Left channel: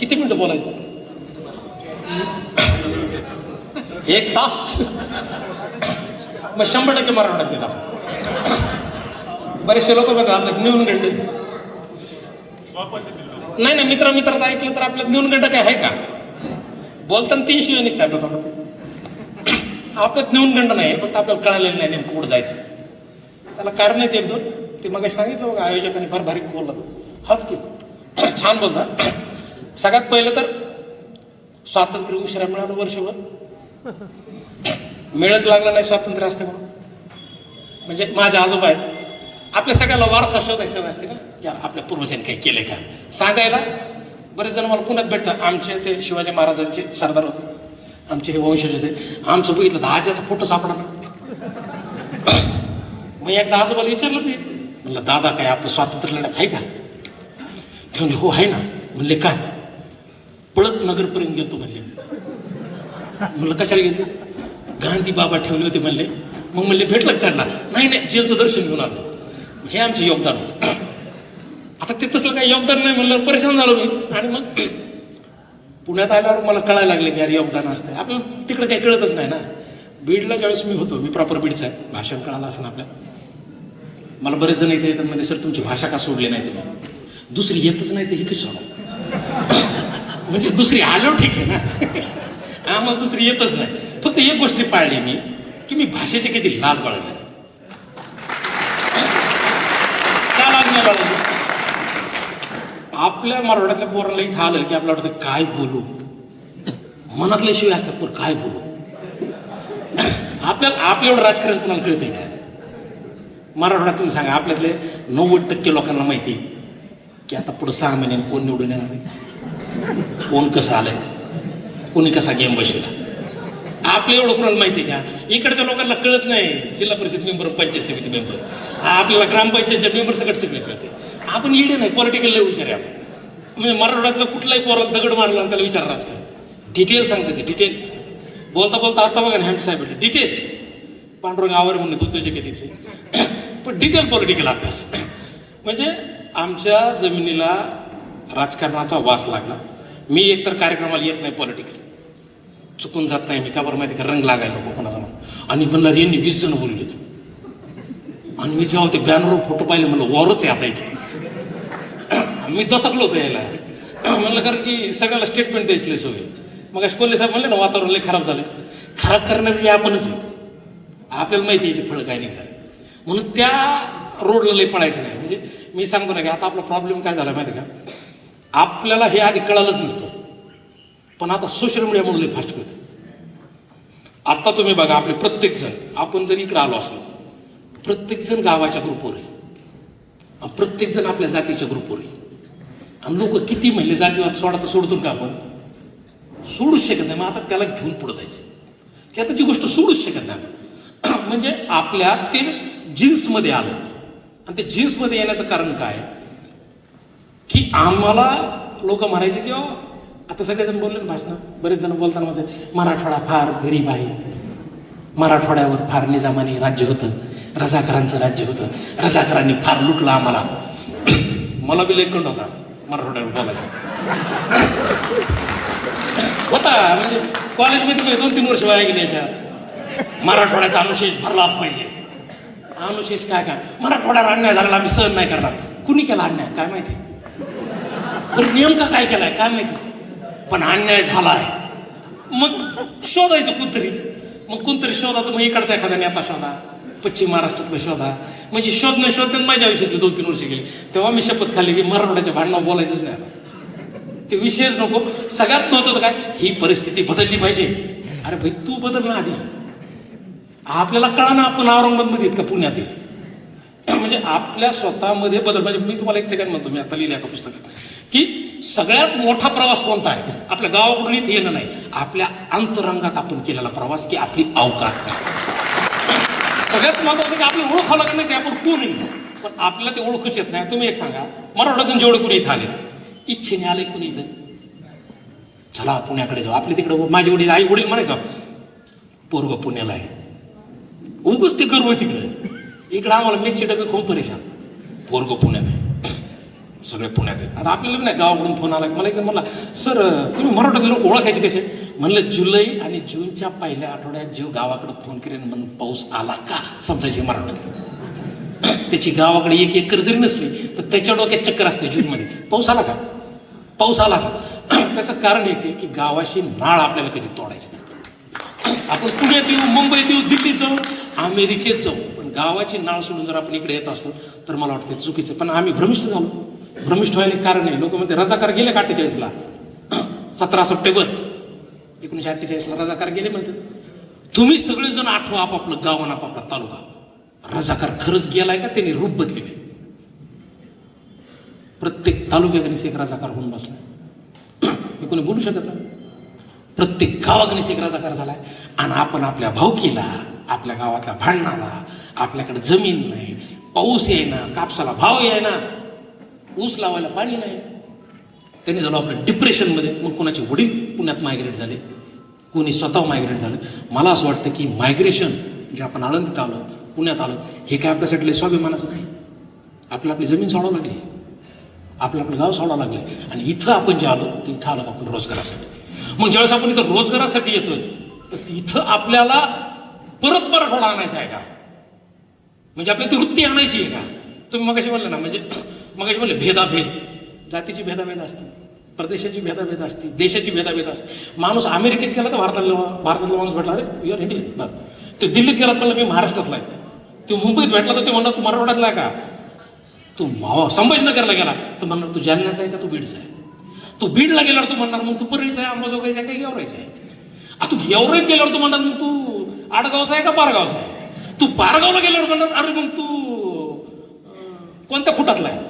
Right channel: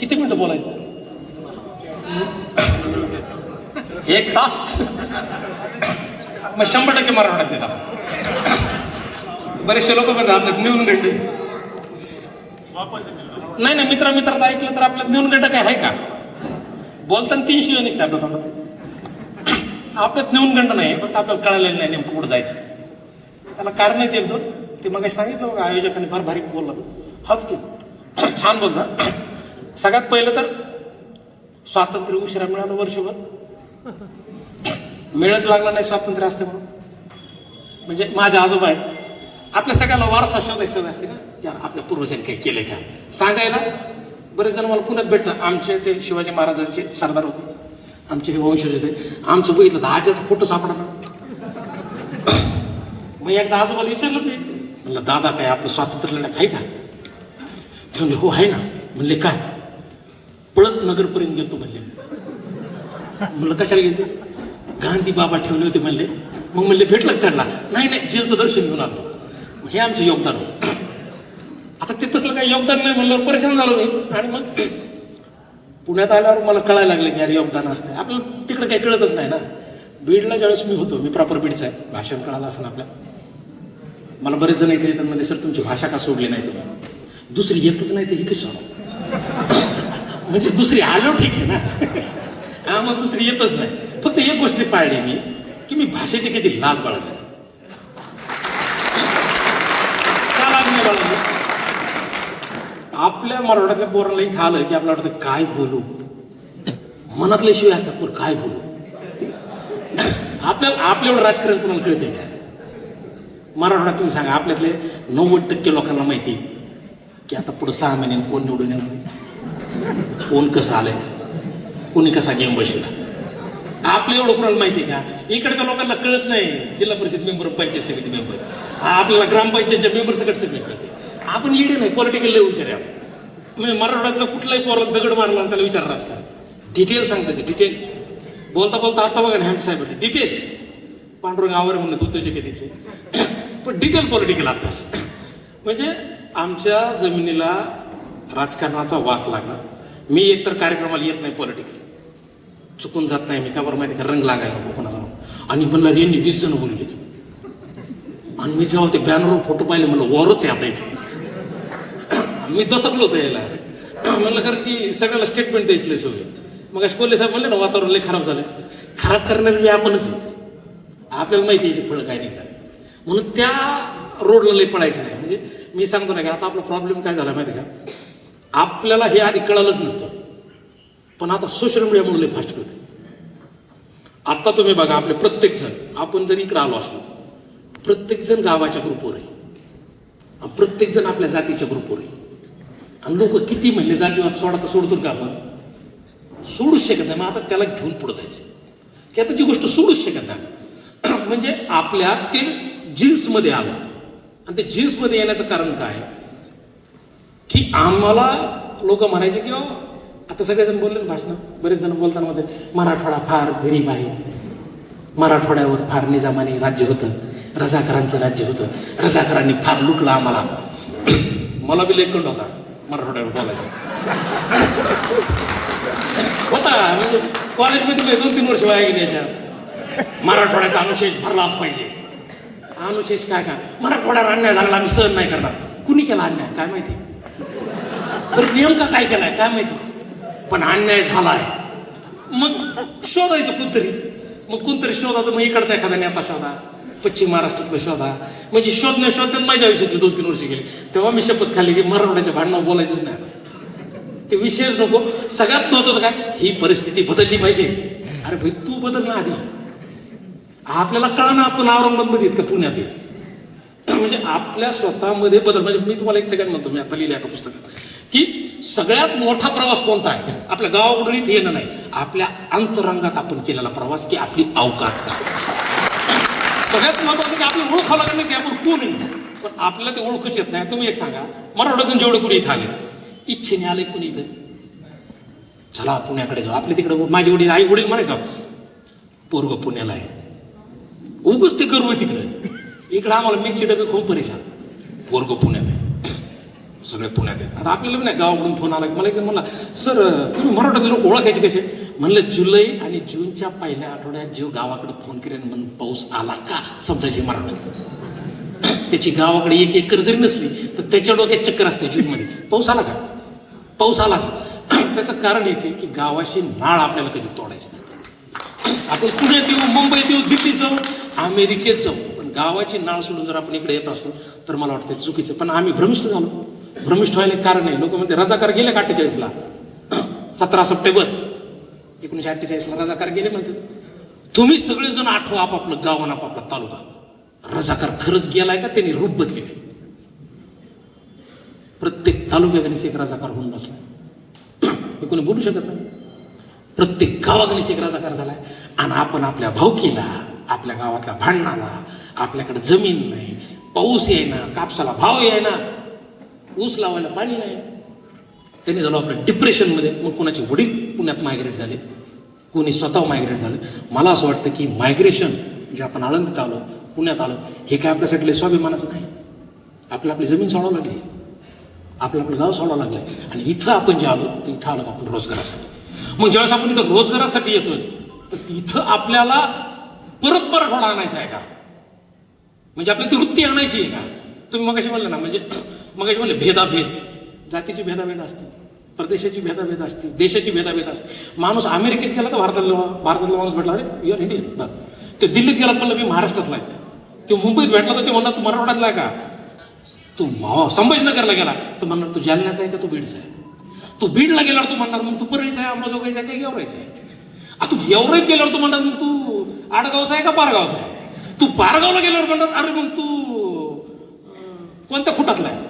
किती मिनिटं बोलायचं? एक तास. मग शंभर टक्के मराठवाड्यात येतात बरेचसे लोक बघा नेऊन गंडी नाही नाही मित्र मित्रात ऐकलं तर आपल्यात नेऊन गंड काय आहे का? बोलताना तीन शिवाय निघते आपल्या तोंडात आपल्यात नेऊन गंड नाही पण आपल्याला कळालेलं नाही नेमकं कुठं जायचं. त्याला कारण एक दोन. ते मग सांगितलं बघा आयोजकांनी फार भारी बोललं. हाच की छान बोलता सगळ्यात पहिलं तर स्वातंत्र्य उशिरा मिळालं वर्षभर. मिळच लागला नाही स्वातंत्र्य असते म्हणून. म्हणजे माझे आजोबा आहेत. आपल्या सगळ्याला वारसा शोधायचं असते ना? या आपल्या पूर्वजांनी काही केलंय का? सांगायला बरेच जण मला पुण्यात भेटतात. आमचे ते शिवाजी महाराजांचे सरदार होते. आमचे हे वंशज होते. आमचं बघितलं तर आज्याचा फोटो सापडला. मग एकदा आजोबाला विचारलं मी. म्हणलं दादा काय आपलं स्वातंत्र्य लढ्यात आहे का? ते म्हणले हो आहे ना. म्हणले काय? पळत नगरपर्यंत गेलतो म्हणले. म्हणलं कशाला गेलतो? गांधी बाबा ठेवले होते म्हणले. मग म्हणले भेटलं त्यांना नाही नाही जेलचं दर्शन घेऊन आलो. हे आमचं योगदान होतं. आता ते तसं काही योगदान नाही म्हणलं परेशान झालो मी. आणि मग पुण्यात आल्यावर मला कळायला लागलं की यार योगदान असतं. आपल्याला तिकडे काही कळतच नाही ना. बीडला ज्यावेळेस मी होतो मी प्रॉपर बीडचा आहे. भाषण कळालं असं आपल्या. मला बरेच जण येते येतात म्हणजे सर तुमची भाषा का सोडली नाही तुम्ही? दुसरी येतच नाही ते ही कशी म्हणजे दुसरी आलो ठीक आहे ना? हा मग दुसरी येतच नाही. फक्त एक गोष्टी पाळली मी की मी भाषेची किती लाज बाळगली. काय नाही आपल्या मराठ्यातल्या पोरांना इथं आलं की आपल्याला वाटतं काय बोलू? मनातले शिवाय असतात पण काय बोलू? आपल्याला आपल्या एवढं राजकारण कोणाला कळतंय का? मराठवाड्यात तुम्ही सांगा आपल्यातले नव्वद टक्के लोकांना माहिती आहे की आता पुढं सहा महिन्यानं कोण निवडून येणार कोण कसं आलंय? कोणी कसा गेम बसला आपल्या एवढं कोणाला माहिती आहे का? इकडच्या लोकांना कळत नाही. जिल्हा परिषद मेंबर पंचायत समिती मेंबर आपल्याला ग्रामपंचायतच्या मेंबर सगळं सगळे कळते. आपण इडे नाही पॉलिटिकल लय आहे आपण. म्हणजे मराठवाड्यातला कुठलाही पोराला दगड मारला आणि त्याला विचार राजकारण डिटेल सांगते ते डिटेल बोलता बोलता आता बघा हँड साहेब डिटेल पांडुरंग आवर म्हणत उद्योजक आहे तिथे पण डिटेल पॉलिटिकल अभ्यास. म्हणजे आमच्या जमिनीला राजकारणाचा वास लागला. मी एकतर कार्यक्रमाला येत नाही पॉलिटिकल चुकून जात नाही मी का बरं माहिती का? रंग लागायला नको कोणाचा म्हणून. आणि म्हणलं यांनी वीस जण बोलले आणि मी जेव्हा ते बॅनरवर फोटो पाहिले म्हणलं वॉरच आहे आता इथे. मी दचकलो होतो यायला. म्हणलं कारण की सगळ्याला स्टेटमेंट द्यायची सोय मग अशी साहेब म्हणले ना वातावरण लय खराब झालं खराब करणारी आपणच आपल्याला माहिती आहे याची फळं काय निघणार म्हणून त्या रोडला लय पडायचं नाही. म्हणजे मी सांगतो ना की आता आपला प्रॉब्लेम काय झाला माहिती का? आपल्याला हे आधी कळालंच नसतं. पण आता सोशल मीडियामुळे फास्ट करतो आत्ता तुम्ही बघा आपले प्रत्येक जण आपण जर इकडे आलो असलो प्रत्येकजण गावाच्या ग्रुपवर आहे. प्रत्येकजण आपल्या जातीच्या ग्रुपवर आहे. आणि लोक किती महिने जातीवाद सोडा तर सोडतो का आपण? सोडूच शकत नाही. मग आता त्याला घेऊन पुढे जायचं. की आता ती गोष्ट सोडूच शकत नाही. म्हणजे आपल्या ते जीन्समध्ये आलं. आणि ते जीन्समध्ये येण्याचं कारण काय? की आम्हाला लोक म्हणायचे की आता सगळेजण बोलले भाषण. बरेच जण बोलताना होते मराठवाडा फार गरीब आहे. मराठवाड्यावर फार निजामाने राज्य होतं. रजाकरांचं राज्य होतं. रजाकरांनी फार लुटलं आम्हाला. मला बी लेखंड होता मराठवाड्यावर बोलायचा. होता म्हणजे कॉलेजमध्ये दोन तीन वर्ष वाया गेले याच्यात. मराठवाड्याचा अनुशेष भरलाच पाहिजे. अनुशेष काय काय मराठवाड्यावर अन्याय झाला आम्ही सहन नाही करणार. कुणी केला अन्याय? काय माहिती? तर नेमका काय केलाय काय माहिती? पण अन्याय झाला आहे मग शोधायचं कोणतरी मग कोणतरी शोधा मग इकडचा एखादा नेता शोधा पश्चिम महाराष्ट्रातला शोधा. म्हणजे शोधण्या शोधण्यात माझ्या आयुष्यातले दोन तीन वर्ष गेले. तेव्हा मी शपथ खाल्ली की मराठवाड्याच्या भांडणावर बोलायचंच नाही. ते विषयच नको. सगळ्यात महत्वाचं काय? ही परिस्थिती बदलली पाहिजे. अरे भाई तू बदल ना आधी. आपल्याला कळा ना आपण औरंगाबादमध्ये आहेत का पुण्यात म्हणजे आपल्या स्वतःमध्ये बदल म्हणजे मी तुम्हाला एक ठिकाणी म्हणतो. मी आता लिहिल्या एका पुस्तकात. की सगळ्यात मोठा प्रवास कोणता आहे? आपल्या गावाकडून इथे येणं नाही. आपल्या अंतरंगात आपण केलेला प्रवास की आपली अवकात काय सगळ्यात महत्वाचं की आपली ओळख लागत नाही की आपण कोण पण आपल्याला ते ओळखूच येत नाही. तुम्ही एक सांगा. मराठवाड्यातून जेवढे कोणी इथे आले. इच्छेने आले कोणी इथे? चला पुण्याकडे जाऊ. आपल्या तिकडे माझे वडील आई वडील म्हणे पोरग पुण्याला आहे. उगच ते गर्व तिकडे. इकडे आम्हाला मिरची डबे खूप परेशान. पोरग पुण्यात आहे. सगळे पुण्यात आहेत. आता आपल्याला नाही गावाकडून फोन आला. मला एक म्हणला सर तुम्ही मराठीतले लोक ओळखायचे कसे? म्हणलं जुलै आणि जूनच्या पहिल्या आठवड्यात जीव गावाकडे फोन करेन म्हणून पाऊस आला का? समजायची मराठीत त्याची गावाकडे एक एकर जरी नसली तर त्याच्या डोक्यात चक्कर असते जूनमध्ये. पाऊस आला का? पाऊस आला का? त्याचं कारण एक आहे की गावाशी नाळ आपल्याला कधी तोडायची नाही. आपण पुण्यात येऊ मुंबईत येऊ दिल्लीत जाऊ अमेरिकेत जाऊ. पण गावाची नाळ सोडून जर आपण इकडे येत असतो तर मला वाटतं चुकीचं. पण आम्ही भ्रमिष्ठ झालो. भ्रमिष्ठ व्हायला कारण नाही लोक म्हणते रजाकार गेले का अठ्ठेचाळीसला? सतरा सप्टेंबर. एकोणीशे अठ्ठेचाळीसला रजाकार गेले म्हणते. तुम्ही सगळेजण आठवा आपापलं गाव आणि आपापला तालुका. रजाकार खरंच गेलाय का? त्यांनी रूप बदलले प्रत्येक तालुक्याकडे एक रजाकार होऊन बसला. हे कोणी बोलू शकत नाही. प्रत्येक गावाकडे एक रजाकार झालाय. आणि आपण आपल्या भावकीला आपल्या गावातल्या भांडणाला आपल्याकडे जमीन नाही पाऊस येईना कापसाला भाव येईना ऊस लावायला पाणी नाही. त्याने झालं आपलं डिप्रेशनमध्ये. मग कोणाचे वडील पुण्यात मायग्रेट झाले? कोणी स्वतः मायग्रेट झालं? मला असं वाटतं की मायग्रेशन जे आपण आळंदीत आलो पुण्यात आलो हे काय आपल्यासाठी स्वाभिमानाचं नाही. आपली आपली जमीन सोडावं लागली. आपलं आपलं गाव सोडावं लागलं. आणि इथं आपण जे आलो ते इथं आलो आपण रोजगारासाठी. मग ज्यावेळेस आपण इथं रोजगारासाठी येतो तर इथं आपल्याला परत मराठवाडा आणायचा आहे का? म्हणजे आपल्याला ती वृत्ती आणायची आहे का? तुम्ही मगाशी म्हणलं ना म्हणजे मगाशी म्हणले भेदाभेद. जातीची भेदाभेद असते प्रदेशाची भेदाभेद असते देशाची भेदाभेद असते. माणूस अमेरिकेत गेला तर भारतातला भारतातला माणूस भेटला अरे युअर इंडियन बरं. तो दिल्लीत गेला म्हणलं मी महाराष्ट्रातला आहे. तो मुंबईत भेटला तर ते म्हणणार तू मराठवाड्यातला आहे का? तू संभाजीनगरला गेला. तर म्हणणार तू जालन्याचा आहे का? तू बीडचा आहे. तू बीडला गेल्यावर तू म्हणणार मग तू परळीचा आहे अंबाजोगाईचा आहे का गेवरायचा आहे? आ, तू गेवराईत गेल्यावर तू म्हणणार मग तू आडगावचा आहे का पारगावचा आहे? तू पारगावला गेल्यावर म्हणणार अरे मग तू कोणत्या फुटातला आहे?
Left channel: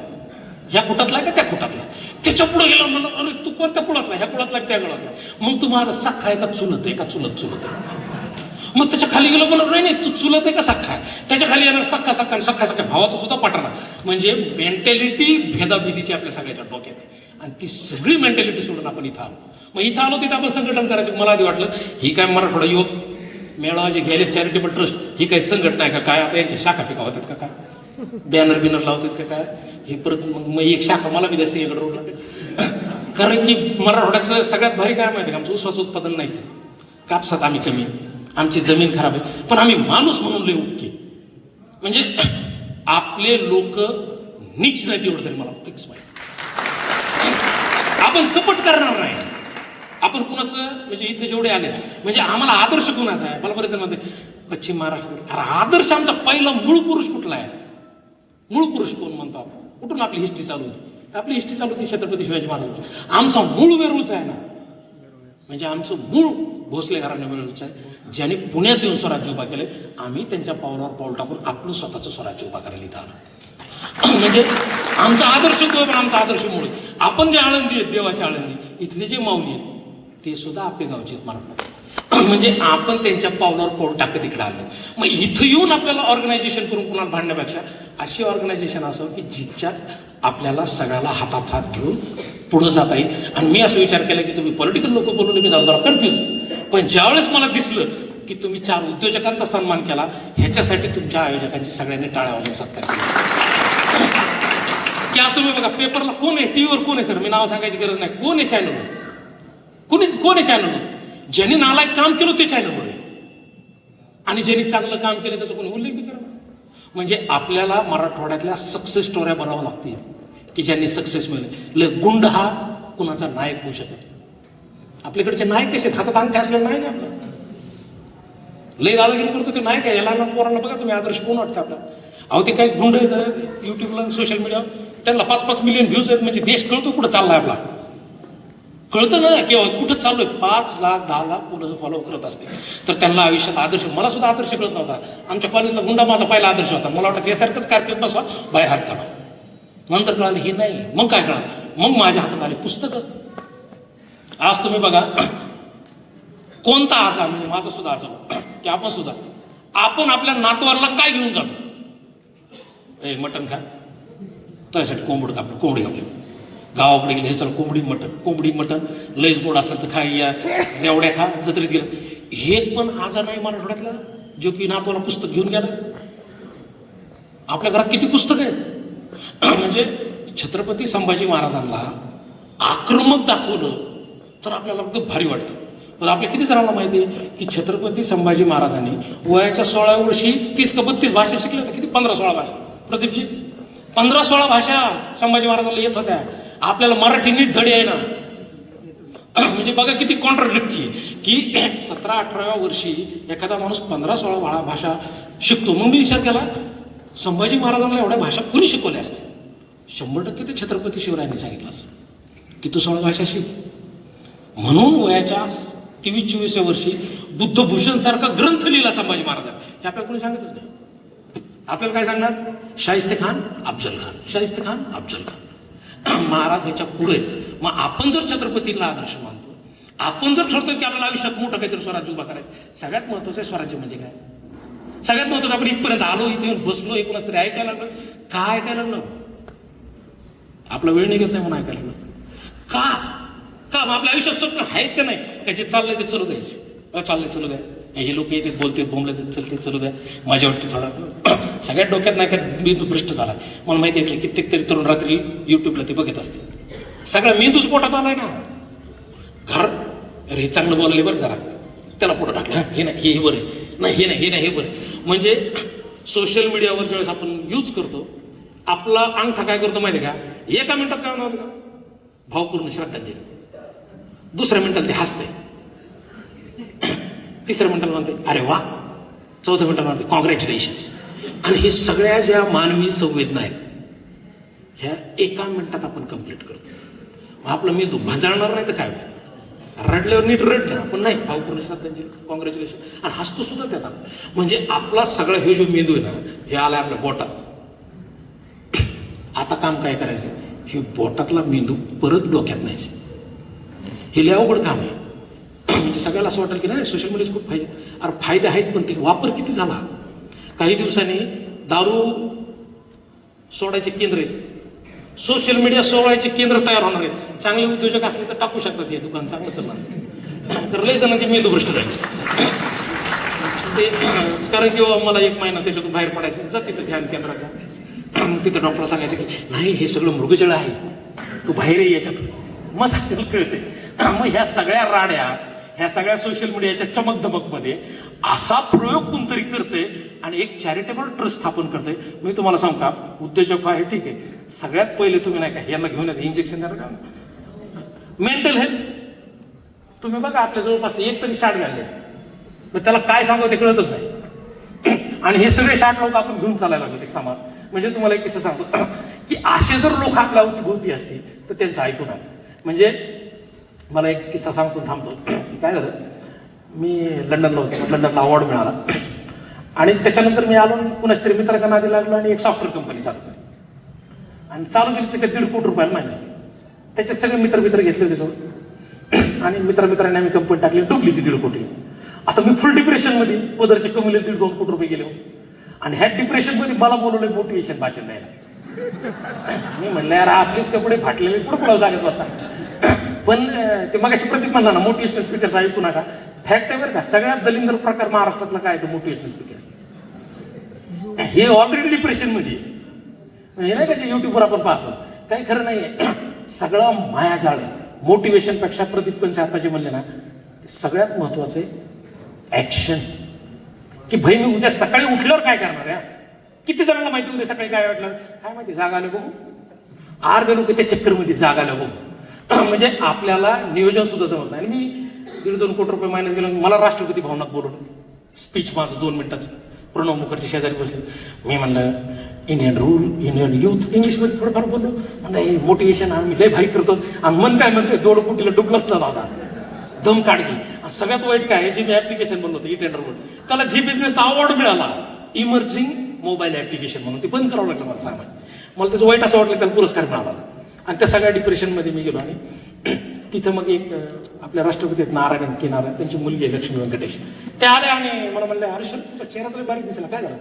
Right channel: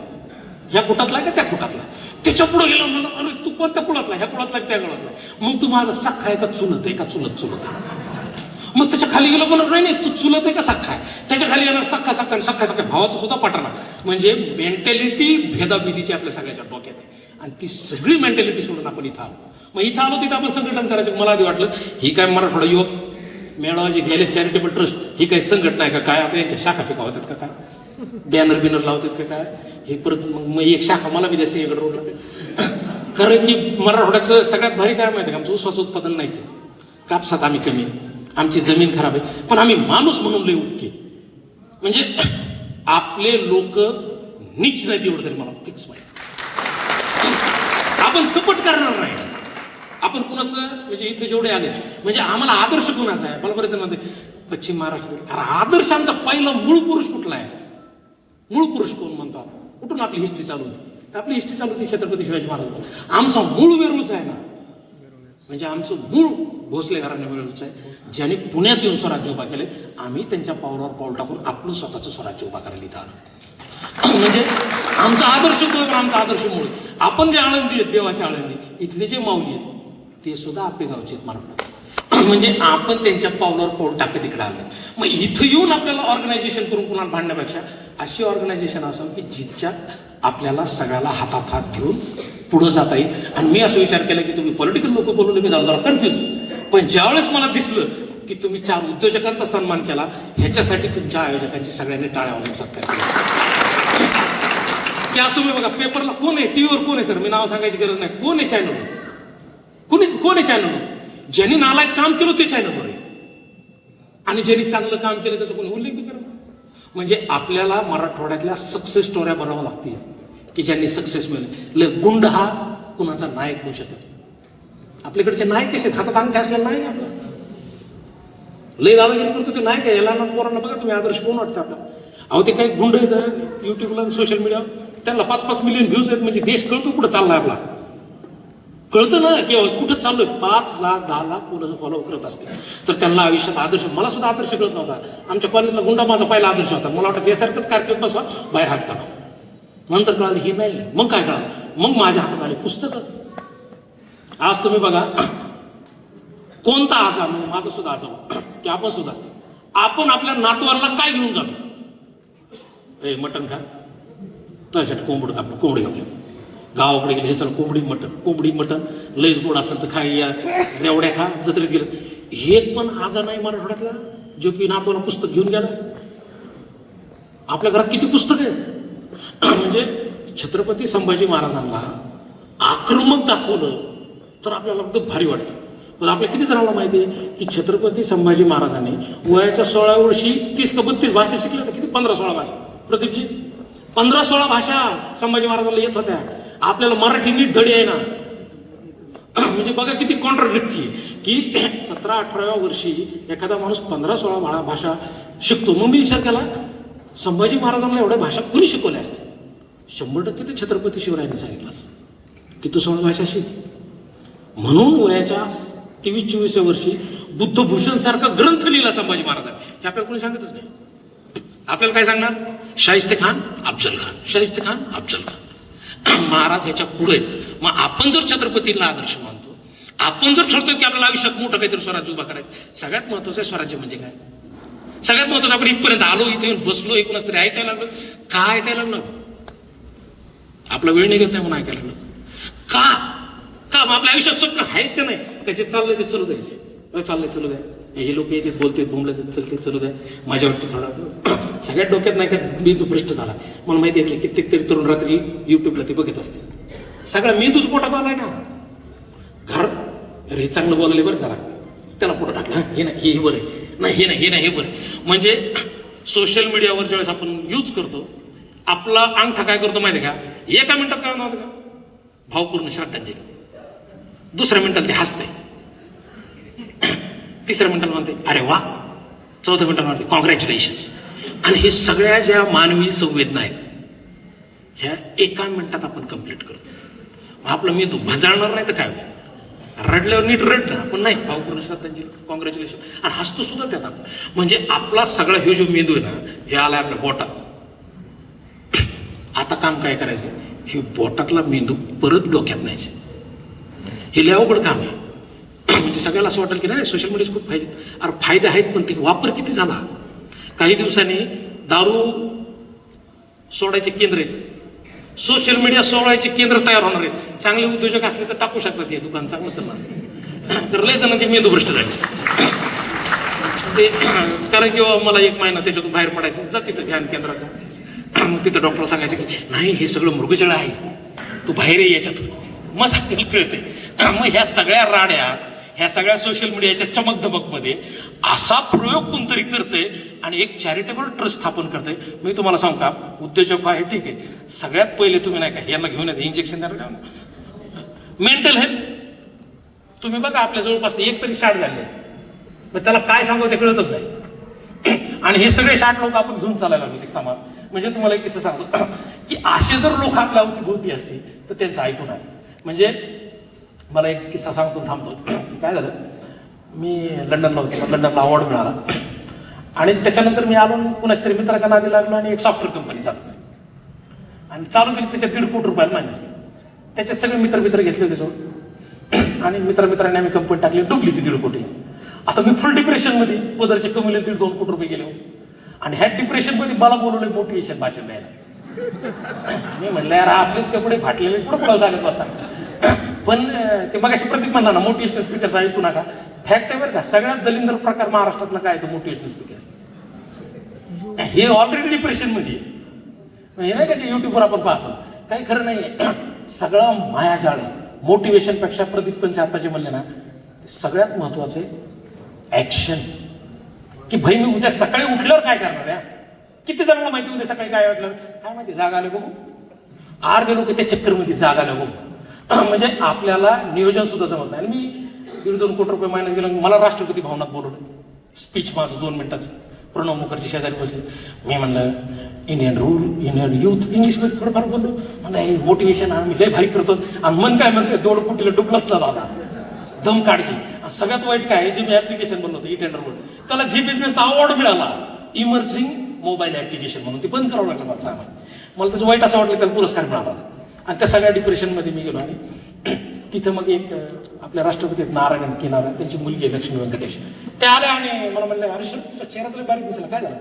ह्या कुटातला का त्या कुटातला? आहे? त्याच्या पुढे गेला म्हणलं अरे तू कोणत्या कुळातला? ह्या कुळातला त्या गळातला मग तू माझा साखा आहे का चुलत आहे का चुलत चुलत आहे? मग त्याच्याखाली गेलो म्हणत नाही नाही तू चुलत आहे का सख्खा त्याच्याखाली येणार सख्खा सख्खा आणि सख्खा सख्खा भावाचं सुद्धा पटणार म्हणजे मेंटॅलिटी भेदाभेदीची आपल्या सगळ्याच्या डोक्यात आहे. आणि ती सगळी मेंटॅलिटी सोडून आपण इथं आलो. मग इथं आलो तिथं आपण संघटन करायचं. मला आधी वाटलं ही काय मराठवाडा युवक मेळावा जे घ्यायले चॅरिटेबल ट्रस्ट ही काही संघटना आहे का? काय? आता यांच्या शाखा फेका होतात का काय? बॅनर बिनर लावतात का काय? हे परत मग मग एक शाखा मला बी द्यायचं इकडे रोडला कारण की मराठवाड्याचं सगळ्यात भारी काय माहिती का? आमचं ऊसाचं उत्पादन नाहीच आहे. कापसात आम्ही कमी आमची जमीन खराब आहे. पण आम्ही माणूस म्हणून लई उठके म्हणजे आपले लोक नीच नाही एवढं तरी मला फिक्स माहिती आपण कपट करणार नाही. आपण कुणाचं म्हणजे इथे जेवढे आले म्हणजे आम्हाला आदर्श कुणाचा आहे? मला बरेच जण म्हणते पश्चिम महाराष्ट्रात अरे आदर्श आमचा पहिला मूळ पुरुष कुठला आहे? मूळ पुरुष कोण म्हणतो आपण? कुठून आपली हिस्ट्री चालू होती? आपली हिस्ट्री चालू होती छत्रपती शिवाजी महाराज आमचा मूळ वेरूळचा आहे ना. म्हणजे आमचं मूळ भोसले घराणे वेरूळचं आहे. ज्याने पुण्यात येऊन स्वराज्य उभा केले आम्ही त्यांच्या पावलावर पाऊल टाकून आपलं स्वतःचं स्वराज्य उभा करायला इथं आलो. म्हणजे आमचा आदर्श तो पण आमचा आदर्श मूळ आपण जे आळंदी आहेत देवाच्या आळंदी इथले जे माऊली आहेत ते सुद्धा आपले गावचे आहेत म्हणजे आपण त्यांच्या पावलावर पाऊल टाकत इकडे आलं. मग इथं येऊन आपल्याला ऑर्गनायझेशन करून कुणाला भांडण्यापेक्षा अशी ऑर्गनायझेशन असावं की जिच्यात आपल्याला सगळ्याला हातात हात घेऊन पुढं जाता येईल. आणि मी असं विचार केला की तुम्ही पॉलिटिकल लोक बोलून की जरा कन्फ्युज पण ज्यावेळेस मला दिसलं की तुम्ही चार उद्योजकांचा सन्मान केला ह्याच्यासाठी तुमच्या आयोजकांची सगळ्यांनी टाळ्या वाजवू शकता की आज तुम्ही बघा पेपरला कोण आहे? टीव्हीवर कोण आहे सर मी नाव सांगायची गरज नाही. कोण आहे चॅनल कोणीच कोण आहे चॅनल ज्यांनी नालायक काम केलं ते चॅनल आणि ज्यांनी चांगलं काम केलं त्याचा कोणी उल्लेख बी म्हणजे आपल्याला मराठवाड्यातल्या सक्सेस स्टोऱ्या बनाव्या लागतील की ज्यांनी सक्सेस मिळेल. गुंड हा कुणाचा नायक होऊ शकत आपल्याकडचे नायक कसे आहेत? हातात अंगठे असलेला नाही ना आपला. लय दादागिरी करतो ते नायक आहे. याला पोरांना बघा तुम्ही आदर्श कोण वाटतं आपला? अहो ते काय गुंड येतं युट्यूबला सोशल मीडियावर त्यांना पाच पाच मिलियन व्ह्यूज आहेत म्हणजे देश कळतो कुठं चालला आपला. कळतं ना की कुठं चाललोय? पाच लाख दहा लाख मुलं फॉलो करत असते. तर त्यांना आयुष्यात आदर्श मला सुद्धा आदर्श कळत नव्हता. आमच्या कॉलेजला गुंडा माझा पहिला आदर्श होता. मला वाटतं यासारखंच कार्पेट बसा बाहेर हात काढा. नंतर कळालं हे नाही. मग काय कळालं? मग माझ्या हातात आले पुस्तकं. आज तुम्ही बघा कोणता आजार म्हणजे माझा सुद्धा आजार की आपण सुद्धा आपण आपल्या नातवाला काय घेऊन जातो? हे मटण खा. त्यासाठी कोंबड कापलं कोंबडी कापली गावाकडे गेलं हे चल कोंबडी मटण. कोंबडी मटण लईच गोड असेल तर खा या रेवड्या खा जत्रेत गेलं. हे पण आजार नाही मराठवाड्यातला जो की नातवाला पुस्तक घेऊन गेला. आपल्या घरात किती पुस्तक आहे म्हणजे छत्रपती संभाजी महाराजांना आक्रमक दाखवलं तर आपल्याला अगदी भारी वाटतं. पण आपल्या किती जणांना माहिती आहे की छत्रपती संभाजी महाराजांनी वयाच्या सोळा वर्षी तीस का बत्तीस भाषा शिकल्या किती? पंधरा सोळा भाषा. प्रदीपजी पंधरा सोळा भाषा संभाजी महाराजांना येत होत्या. आपल्याला मराठी नीट धडी आहे ना म्हणजे बघा किती कॉन्ट्राडिक्टची की सतरा अठराव्या वर्षी एखादा माणूस पंधरा सोळा भाषा भाषा शिकतो. मग मी विचार केला संभाजी महाराजांना एवढ्या भाषा कुणी शिकवल्या असते शंभर टक्के ते छत्रपती शिवरायांनी सांगितलं किती की तू सोळा भाषा शिक. म्हणून वयाच्या तेवीस चोवीसव्या वर्षी बुद्धभूषण सारखा ग्रंथ लिहिला संभाजी महाराजांनी. हे आपल्याला कोणी सांगतच नाही. आपल्याला काय सांगणार? शाहिस्ते खान अफजल खान. शाहिस्ते खान अफजल खान. महाराज ह्याच्या पुढे मग आपण जर छत्रपतीला आदर्श मानतो आपण जर ठरतो की आपल्याला आयुष्यात मोठं काहीतरी स्वराज्य उभा करायचं सगळ्यात महत्वाचं स्वराज्य म्हणजे काय? सगळ्यात महत्वाचं आपण इथपर्यंत आलो इथे येऊन बसलो एकूणच तरी ऐकायला लागलं. का ऐकायला लागलं? आपला वेळ निघत नाही म्हणून ऐकायला लागलं. का? का? मग आपल्या आयुष्यात स्वप्न आहेत का नाही? का जे चाललंय ते चलू द्यायचं. चाललंय चलू द्या. हे लोक येते बोलते बोंबले चलते चलू द्या. माझ्या वाटतं थोडा सगळ्यात डोक्यात नाही का मेंदू भ्रष्ट झाला. मला माहिती आहे की कित्येक तरी तरुण रात्री युट्यूबला ते बघत असते सगळा मेंदूच पोटात आलाय ना घर अरे हे चांगलं बोलले बरं जरा. त्याला पुढं टाकलं. हे नाही हे बरं आहे. नाही हे नाही हे नाही हे बरं म्हणजे सोशल मीडियावर ज्यावेळेस आपण यूज करतो आपला अंगठा काय करतो माहिती आहे का? एका मिनिटात काय होणार का? भावपूर्ण श्रद्धांजली. दुसऱ्या मिनिटाला ते हसतंय. तिसऱ्या म्हणताना म्हणते अरे वा. चौथ्या म्हणताना म्हणते कॉंग्रॅच्युलेशन्स आणि हे सगळ्या ज्या मानवी संवेदना आहेत ह्या एका मिनिटात आपण कंप्लीट करतो. मग आपलं मेंदू भांजाळणार नाही तर काय होईल? रडल्यावर नीट रडलं आपण नाही नाही भावपूर्ण त्यांची. कॉंग्रॅच्युलेशन आणि हसतो सुद्धा त्यात आपण. म्हणजे आपला सगळा हे जो मेंदू आहे ना हे आला आपल्या बोटात. आता काम काय करायचं? हे बोटातला मेंदू परत डोक्यात न्यायचं. हे लय अवघड काम आहे. म्हणजे की सगळ्याला असं वाटेल की नाही सोशल मीडियाचे खूप फायदे अरे फायदे आहेत पण ते वापर किती झाला? काही दिवसांनी दारू सोडायचे केंद्र आहेत. सोशल मीडिया सोडायचे केंद्र तयार होणार आहेत. चांगले उद्योजक असले तर टाकू शकतात हे दुकान चांगलं चालणार तर लय जणांचे मेंदू भ्रष्ट झाले. ते कारण की मला एक महिना त्याच्यातून बाहेर पडायचं. जा तिथं ध्यान केंद्राचा मग तिथं डॉक्टर सांगायचं की नाही हे सगळं मृगजळ आहे. तू बाहेर ये याच्यातून. मग सांगायला कळते मग ह्या सगळ्या राड्या ह्या सगळ्या सोशल मीडियाच्या चमकधमकमध्ये असा प्रयोग कोणतरी करते आणि एक चॅरिटेबल ट्रस्ट स्थापन करते मी तुम्हाला सांगू का? उद्योजक आहे ठीक आहे. सगळ्यात पहिले तुम्ही नाही का यांना घेऊन येते इंजेक्शन द्या मेंटल हेल्थ तुम्ही बघा आपल्या जवळपास एक तरी शाट झाले मग त्याला काय सांगावं ते कळतच नाही. आणि हे सगळे शाट लोक आपण घेऊन चालायला लागले एक समाज म्हणजे तुम्हाला एक किस्सा सांगतो. की असे जर लोक आपल्या भोवती असतील तर त्यांचं ऐकून आलं म्हणजे मला एक किस्सा सांगतो थांबतो. काय झालं? मी लंडनला होतो लंडनला अवॉर्ड मिळाला. आणि त्याच्यानंतर मी आलो कुणाच्या तरी मित्राच्या नादी लागलो आणि एक सॉफ्टवेअर कंपनी चालतो आणि चालू केली त्याच्या दीड कोटी रुपयाला माहिती त्याचे सगळे मित्र मित्र घेतले त्याच्यावर आणि मित्र मित्रांनी आम्ही कंपनी टाकली डुबली ती दीड कोटी. आता मी फुल डिप्रेशनमध्ये पदरचे कमी दीड दोन कोटी रुपये गेले. आणि ह्या डिप्रेशनमध्ये मला बोलवलं मोटिवेशन भाषण द्यायला. मी म्हणलं यार आपलेच कपडे फाटलेले कुठं कुणाला सांगत बसता? पण ते मग प्रतीक म्हणला ना मोटिवेशनल स्पीकर ऐकू नका. फॅक्ट आहे बरं का सगळ्यात दलिंद्र प्रकार महाराष्ट्रातला काय तो मोटिवेशनल स्पीकर हे ऑलरेडी डिप्रेशनमध्ये हे नाही का जे युट्यूबवर आपण पाहतो? काही खरं नाहीये. सगळा मायाजाळ आहे. मोटिवेशनपेक्षा प्रदीप पण आता जे म्हणले ना सगळ्यात महत्वाचं आहे ऍक्शन की भाई मी उद्या सकाळी उठल्यावर काय करणार या किती जणांना माहिती उद्या सकाळी काय वाटलं? काय माहिती जागा आलं बघू अर्धे लोक त्या चक्करमध्ये जाग आलं बघू म्हणजे आपल्याला नियोजन सुद्धा जमत नाही. आणि मी दीड दोन कोटी रुपये मायनस गेलो मला राष्ट्रपती भवनात बोलवलं. स्पीच माझं दोन मिनिटाचं. प्रणव मुखर्जी शेजारी बसले. मी म्हणलं इंडियन रूल इंडियन यूथ इंग्लिशमध्ये थोडंफार बोललो. म्हणलं मोटिवेशन आम्ही लय भारी करतो आणि मन काय म्हणते दोड कुटीला डुबलंच ना दादा. दम काढली आणि सगळ्यात वाईट काय जे मी ऍप्लिकेशन बनवतो ई टेंडर बोल त्याला जी बिझनेस अवॉर्ड मिळाला इमर्जिंग मोबाईल ऍप्लिकेशन म्हणून ते बंद करावं लागलं मला सांगा मला त्याचं वाईट असं वाटलं त्याला पुरस्कार मिळाला. आणि त्या सगळ्या डिप्रेशनमध्ये मी गेलो आणि तिथं मग एक आपल्या राष्ट्रपती आहेत नारायण किनारा त्यांची मुलगी आहे लक्ष्मी व्यंकटेश. त्या आल्या आणि मला म्हणले हर्ष तुझ्या चेहऱ्यातले बारीक दिसला काय झालं?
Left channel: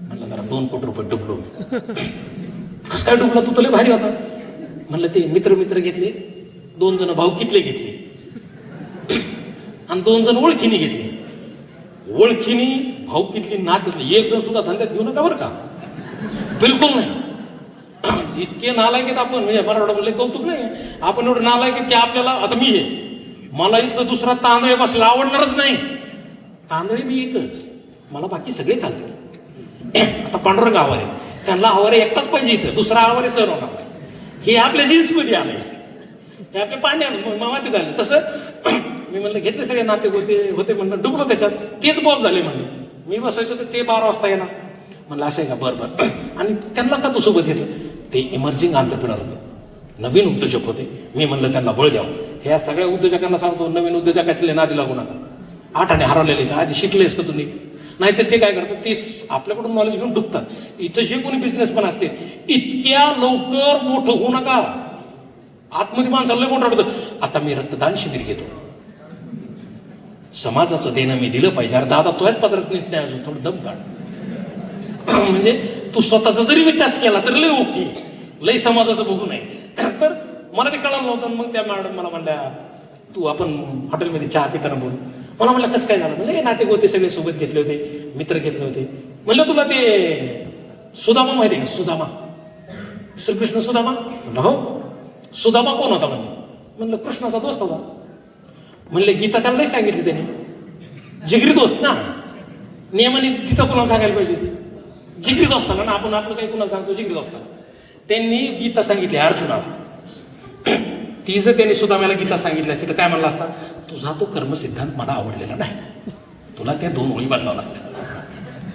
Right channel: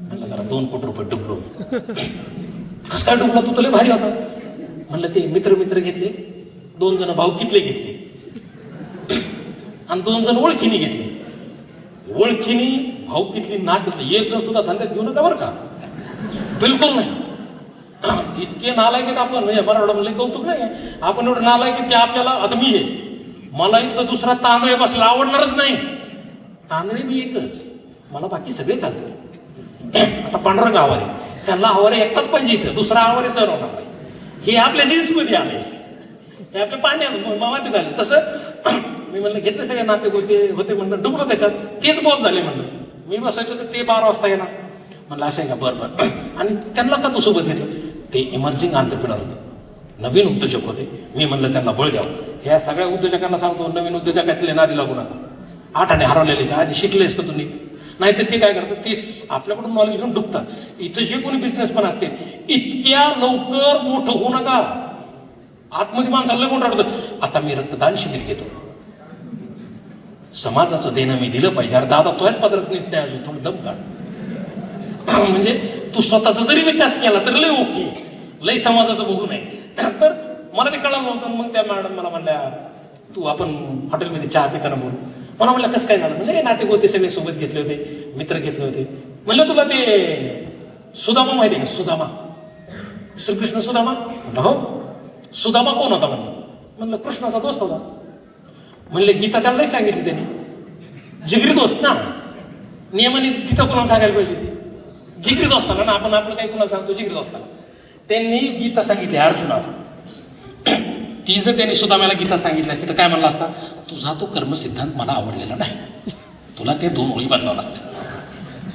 म्हणलं जरा दोन कोटी रुपये डुबलो. कसं काय डुबला? तू तुला भारी होता. म्हणलं ते मित्र मित्र घेतले दोन जण भाऊकीतले घेतले आणि दोन जण ओळखीने घेतले. ओळखीने भाऊकीतली घेतली एक जण सुद्धा धंद्यात घेऊ नका बरं का. बिलकुल नाही. इतके नालायक आहेत आपण म्हणजे मराठा म्हणलं कौतुक नाही. आपण एवढं नालायक आहेत की आपल्याला आता मी आहे मला इथलं दुसरा तांदळे बसला आवडणारच नाही. तांदळे मी एकच. मला बाकी सगळे चालते आता पांढरंग आवारे. त्यांना आवारे एकटाच पाहिजे इथं. दुसरा आवारे सर होणार. नाही. हे आपल्या जीन्समध्ये आले. हे आपल्या पाण्यात मामातीत आले. तसं मी म्हणलं घेतले सगळे नाते होते होते म्हणलं डुबलो त्याच्यात. तेच बॉस झाले म्हणलं. मी बसायचो तर ते बारा वाजता येणार. म्हणलं असं आहे का? बरं बरं. आणि त्यांना का तू सोबत घेतलं? ते इमर्जिंग आंतरप्रिनर होते. नवीन उद्योजक होते. मी म्हणलं त्यांना बळ द्यावं ह्या सगळ्या उद्योजकांना सांगतो नवीन उद्योजकातले नादी लागू नका. आठाने हरवलेले ते आधी शिकलेस का तुम्ही? नाहीतर ते काय करतात? ते आपल्याकडून नॉलेज घेऊन डुबतात. इथं जे कोणी बिझनेस पण असते इतक्या लवकर मोठं होऊ नका. आतमध्ये माणसाला लय मोठं वाटतं आता मी रक्तदान शिबिर घेतो. समाजाचं देणं मी दिलं पाहिजे. अरे दादा तोच पदरात नाही अजून. थोडं दम काढ. म्हणजे तू स्वतःचा जरी विकास केला तर लय ओके. लय समाजाचं बघू नये. तर मला ते कळलं नव्हतं. मग त्या मॅडम मला म्हणल्या तू आपण हॉटेलमध्ये चहा पिताना बोलू. मला म्हणलं कसं काय झालं? म्हणलं नाते गोते सगळे सोबत घेतले होते मित्र घेतले होते. म्हणलं तुला ते सुदामा माहिती आहे सुदामा. श्रीकृष्ण सुदामा. म्हणलं हो. सुदामा कोण होता म्हणलं? म्हणलं कृष्णाचा दोस्त होता. म्हणले गीता त्याला सांगितली त्याने? जिगरी दोस्त ना. नियमाने गीता कोणाला सांगायला पाहिजे ती जिगरी असताना ना आपण आपलं काही कुणाला सांगतो जिगरी असताना. त्यांनी गीता सांगितली अर्जुना. ती जर त्यांनी सुदामाला गीता सांगितली असती तर काय म्हणला असता तुझा तो कर्मसिद्धांत मला आवडलेला नाही. तुला ते दोन ओळी बदलावं लागतं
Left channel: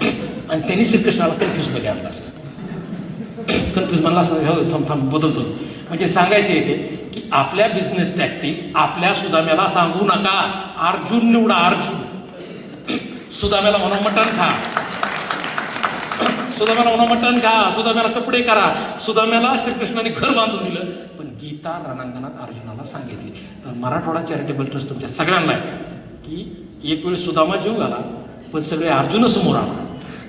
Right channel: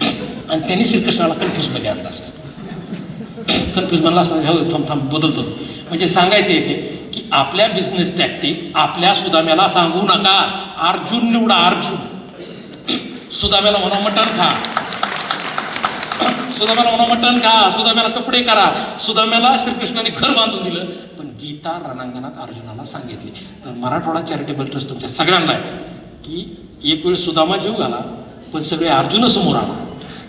आणि त्यांनी श्रीकृष्णाला कन्फ्यूजमध्ये आणलं असतं. कन्फ्यूज म्हणला असं थांब थांब बदलतो. म्हणजे सांगायचं आहे ते की आपल्या बिझनेस टॅक्टिक आपल्या सुदाम्याला सांगू नका. अर्जुन निवडा अर्जुन. सुदाम्याला म्हणा मटण खा. सुदाम्याला म्हणा का सुदाम्याला कपडे करा. सुदाम्याला श्रीकृष्णाने घर बांधून दिलं पण गीता रणांगणात अर्जुनाला सांगितली. तर मराठवाडा चॅरिटेबल ट्रस्ट तुमच्या सगळ्यांना की एक वेळ सुदामा जीव घाला पण सगळे अर्जुन समोर आला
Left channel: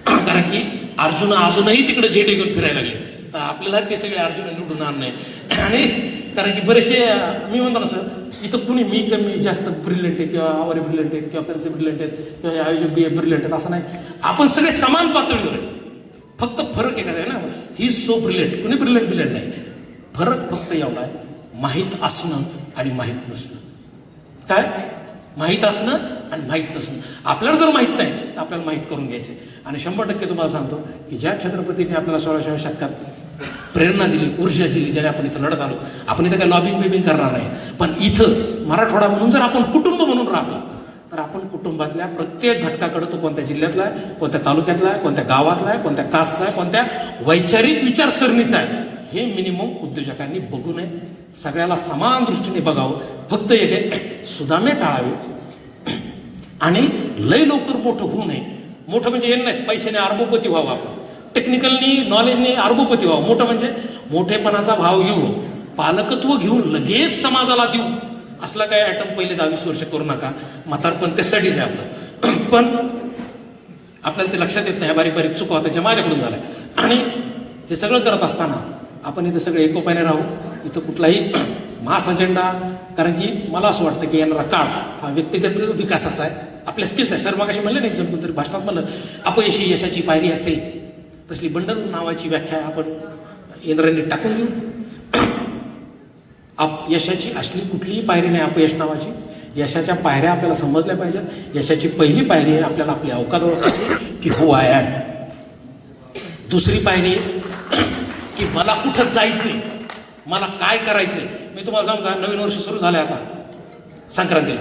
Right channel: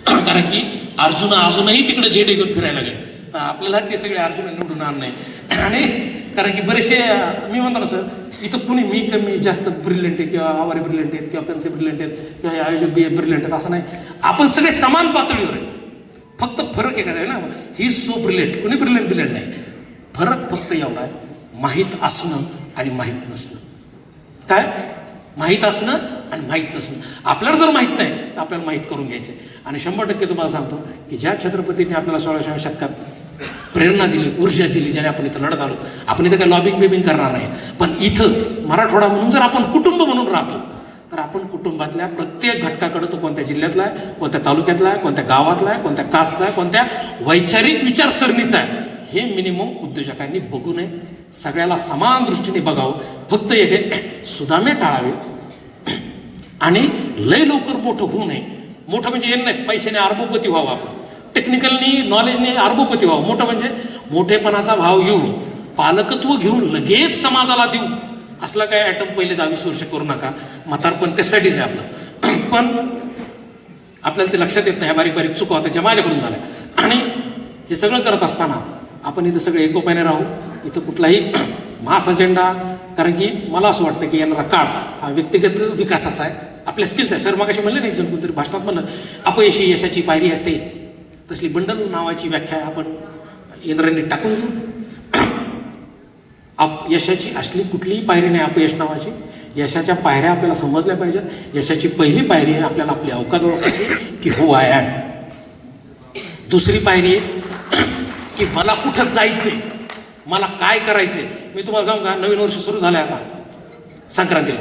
कारण की अर्जुन अजूनही तिकडे झेडे घेऊन फिरायला लागले. तर आपल्याला ते सगळे अर्जुन निवडून आणणे. आणि कारण की बरेचसे मी म्हणतो ना सर इथं कुणी मी कमी जास्त ब्रिलियंट आहे किंवा आवारी ब्रिलियंट आहेत किंवा कन्से ब्रिलियंट आहेत किंवा आयोजक बी ब्रिलियंट आहेत असं नाही. आपण सगळे समान पातळीवर आहे. फक्त फरक येणार आहे ना. ही सो ब्रिलियंट कुणी ब्रिलियंट ब्रिलियंट नाही. फरक फक्त एवढा माहीत असणं आणि माहीत नसणं. काय? माहीत असणं आणि माहीत नसणं. आपल्याला जर माहीत नाही तर आपल्याला माहीत करून घ्यायचं आणि शंभर टक्के तुम्हाला सांगतो की ज्या छत्रपतीने आपल्याला सोळाव्या शतकात प्रेरणा दिली ऊर्जा दिली ज्याने आपण इथं लढत आलो. आपण इथं काही लॉबिंग बिबिंग करणार नाही. पण इथं मराठवाडा म्हणून जर आपण कुटुंब म्हणून राहतो तर आपण कुटुंबातल्या प्रत्येक घटकाकडे तो कोणत्या जिल्ह्यातला आहे कोणत्या तालुक्यातला आहे कोणत्या गावातला आहे कोणत्या कास्टचा आहे कोणत्या वैचारिक विचारसरणीचा आहे हे मिनिमम उद्योजकांनी बघू नये. सगळ्याला समान दृष्टीने बघावं. फक्त एक सुदामे टाळावे. आणि लय लवकर मोठं होऊ नये. मोठं म्हणजे हे नाही पैशाने अर्बोपती व्हावं आपण. टेक्निकलनी नॉलेजने अर्बोपती व्हावं. मोठं म्हणजे मोठेपणाचा भाव येऊन पालकत्व घेऊन लगेच समाजाला देऊ. असला काय ॲटम पहिले दहावीस वर्ष करू नका. म्हातारपण त्यासाठीच आहे आपलं. पण आपल्याला ते लक्षात येत नाही. ह्या बारीक बारीक चुका होत्या ज्या माझ्याकडून झाल्या. आणि हे सगळं करत असताना आपण इथं सगळे एकोप्याने राहू. इथं कुठलाही मास अजेंडा कारण की मला असं वाटतं की येणारा काळ हा व्यक्तिगत विकासाचा आहे. आपल्या स्किल्स आहे. सर मग म्हणले नाही जर तरी भाषणात म्हणलं अपयशी यशाची पायरी असते. तसली बंडल नावाची व्याख्या आपण इंद्रांनी टाकून देऊ. अपयशाची असली कुठलीही पायरी नाही अपयश नावाची. यशाच्या पायऱ्या आपल्याला समजल्या पाहिजेत. यशाची पहिली पायरी आहे आपल्याला आपली अवकाद ओळखायची की हो आय ॲम दुसरी पायरी आहे की मला कुठं जायचंय? मला काय करायचंय? मी तुम्हाला सांगू का? नवीन वर्ष सुरू झालं आता. संक्रांतीला.